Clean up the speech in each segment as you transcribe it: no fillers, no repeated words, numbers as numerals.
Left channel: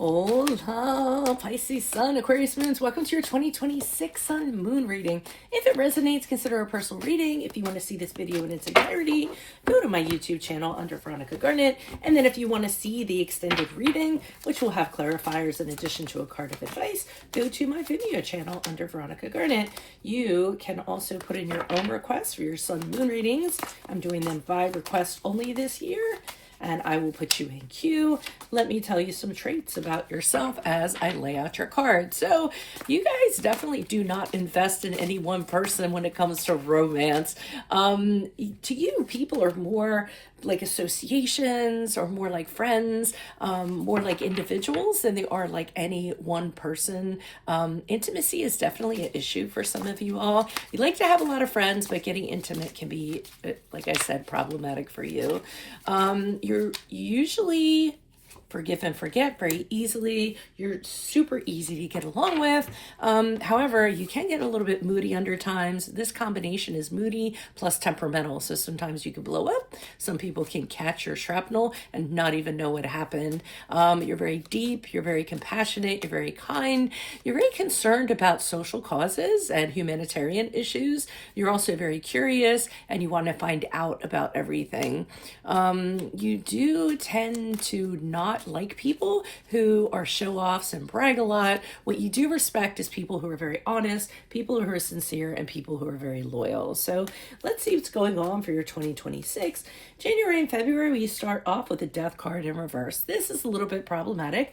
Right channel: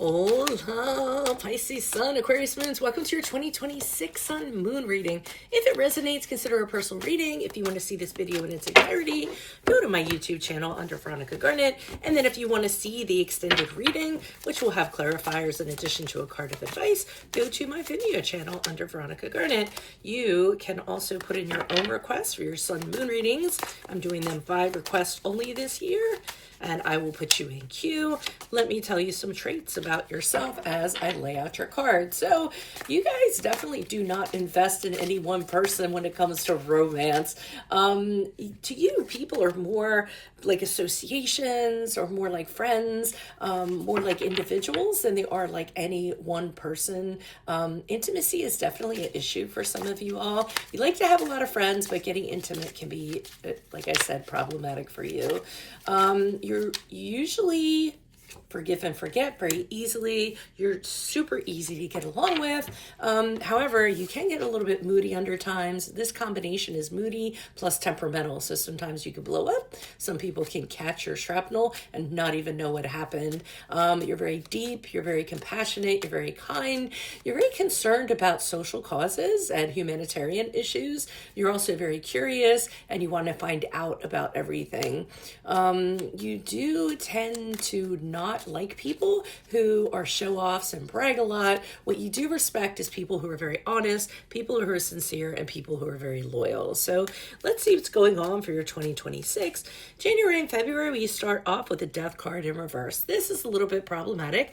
Hola, Pisces Sun, Aquarius Moons. Welcome to your 2026 Sun Moon reading. If it resonates, consider a personal reading. If you want to see this video in its entirety, go to my YouTube channel under Veronica Garnet. And then if you want to see the extended reading, which will have clarifiers in addition to a card of advice, go to my Vimeo channel under Veronica Garnet. You can also put in your own requests for your Sun Moon readings. I'm doing them by request only this year, and I will put you in queue. Let me tell you some traits about yourself as I lay out your card. So you guys definitely do not invest in any one person when it comes to romance. To you, people are more like associations or more like friends, more like individuals than they are like any one person. Intimacy is definitely an issue for some of you all. You like to have a lot of friends, but getting intimate can be, like I said, problematic for you. You're usually forgive and forget very easily. You're super easy to get along with. However, you can get a little bit moody under times. This combination is moody plus temperamental. So sometimes you can blow up. Some people can catch your shrapnel and not even know what happened. You're very deep. You're very compassionate. You're very kind. You're very concerned about social causes and humanitarian issues. You're also very curious and you want to find out about everything. You do tend to not like people who are show-offs and brag a lot. What you do respect is people who are very honest, people who are sincere, and people who are very loyal. So let's see what's going on for your 2026. January and February, we start off with the Death card in reverse. This is a little bit problematic.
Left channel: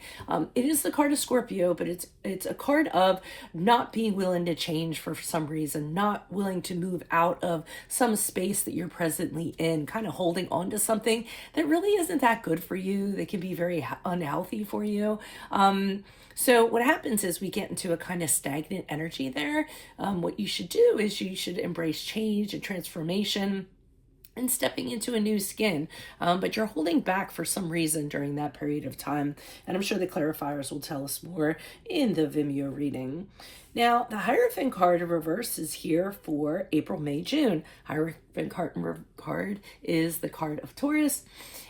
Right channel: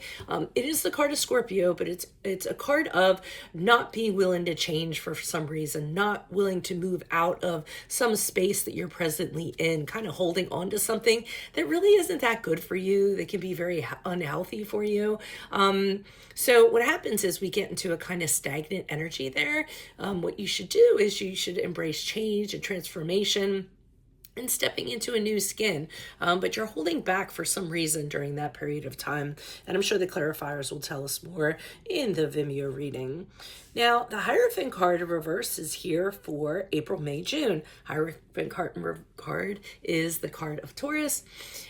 It is the card of Scorpio, but it's a card of not being willing to change for some reason, not willing to move out of some space that you're presently in, kind of holding on to something that really isn't that good for you, that can be very unhealthy for you. So what happens is we get into a kind of stagnant energy there. What you should do is you should embrace change and transformation and stepping into a new skin, but you're holding back for some reason during that period of time. And I'm sure the clarifiers will tell us more in the Vimeo reading. Now, the Hierophant card in reverse is here for April, May, June. Hierophant card is the card of Taurus.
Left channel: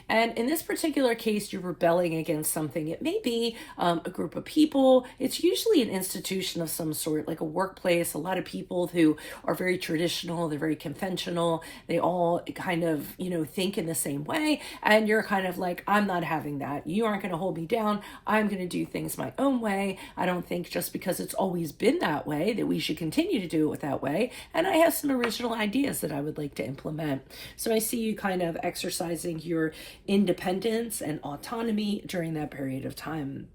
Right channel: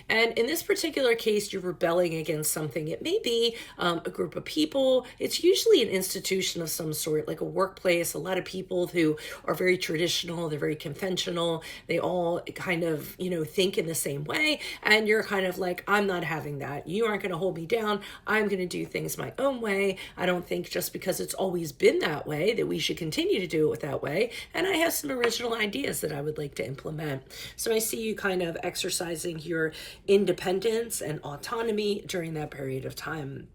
And in this particular case, you're rebelling against something. It may be a group of people. It's usually an institution of some sort, like a workplace. A lot of people who are very traditional, they're very conventional. They all kind of, think in the same way. And you're kind of like, I'm not having that. You aren't going to hold me down. I'm going to do things my own way. I don't think just because it's always been that way that we should continue to do it that way. And I have some original ideas that I would like to implement. So I see you kind of exercising your independence and autonomy during that period of time.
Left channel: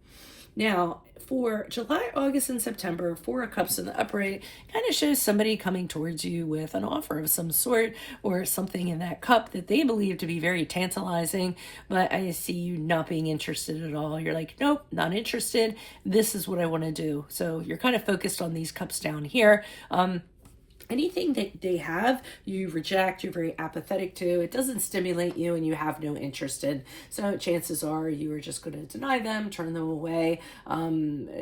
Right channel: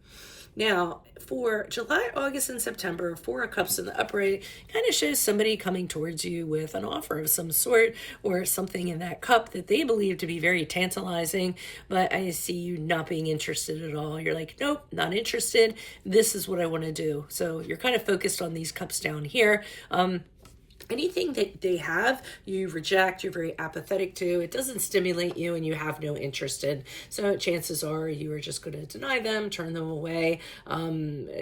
Now, for July, August, and September, Four of Cups in the upright kind of shows somebody coming towards you with an offer of some sort or something in that cup that they believe to be very tantalizing, but I see you not being interested at all. You're like, nope, not interested. This is what I want to do. So you're kind of focused on these cups down here. Anything that they have, you reject, you're very apathetic to. It doesn't stimulate you and you have no interest in. So chances are you are just going to deny them, turn them away,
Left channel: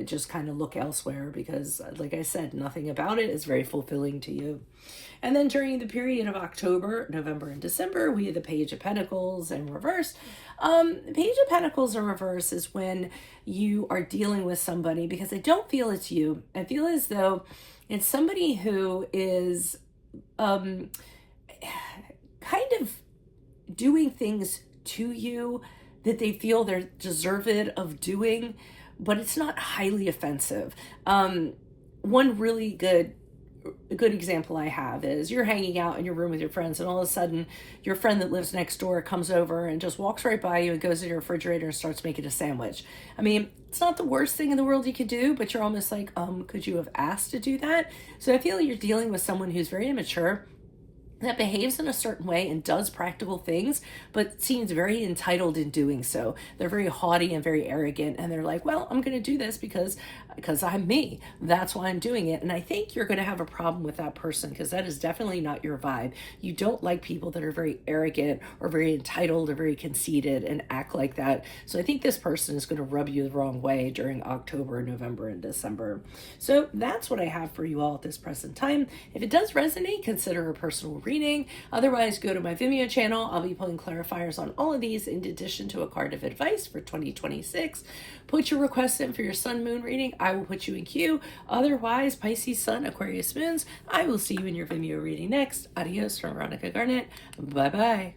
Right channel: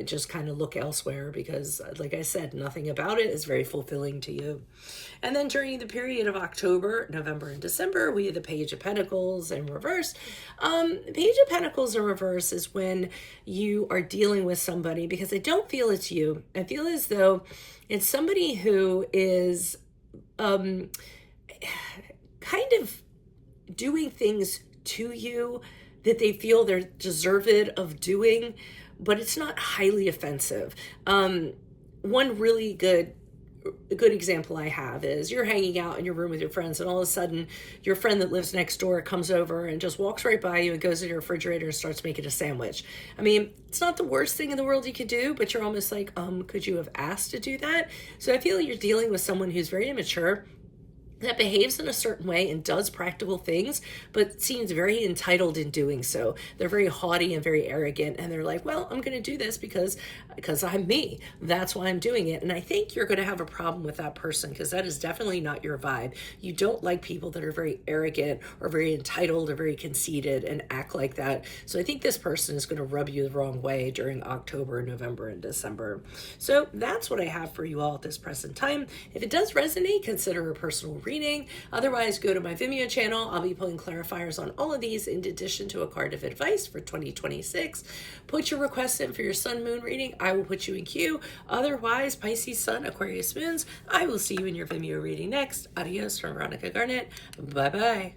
just kind of look elsewhere because, like I said, nothing about it is very fulfilling to you. And then during the period of October, November, and December, we have the Page of Pentacles in reverse. The Page of Pentacles in reverse is when you are dealing with somebody, because I don't feel it's you. I feel as though it's somebody who is kind of doing things to you that they feel they're deserved of doing, but it's not highly offensive. One really good example I have is you're hanging out in your room with your friends and all of a sudden your friend that lives next door comes over and just walks right by you and goes to your refrigerator and starts making a sandwich. I mean, it's not the worst thing in the world you could do, but you're almost like, could you have asked to do that? So I feel you're dealing with someone who's very immature, that behaves in a certain way and does practical things, but seems very entitled in doing so. They're very haughty and very arrogant, and they're like, well, I'm going to do this because I'm me. That's why I'm doing it. And I think you're going to have a problem with that person because that is definitely not your vibe. You don't like people that are very arrogant or very entitled or very conceited and act like that. So I think this person is going to rub you the wrong way during October, November, and December. So that's what I have for you all at this present time. If it does resonate, consider a personal reading. reading. Otherwise, go to my Vimeo channel. I'll be pulling clarifiers on all of these in addition to a card of advice for 2026. Put your requests in for your sun moon reading. I will put you in queue. Otherwise, Pisces, Sun, Aquarius, Moons, I will see you in your Vimeo reading next. Adios from Veronica Garnett. Bye-bye.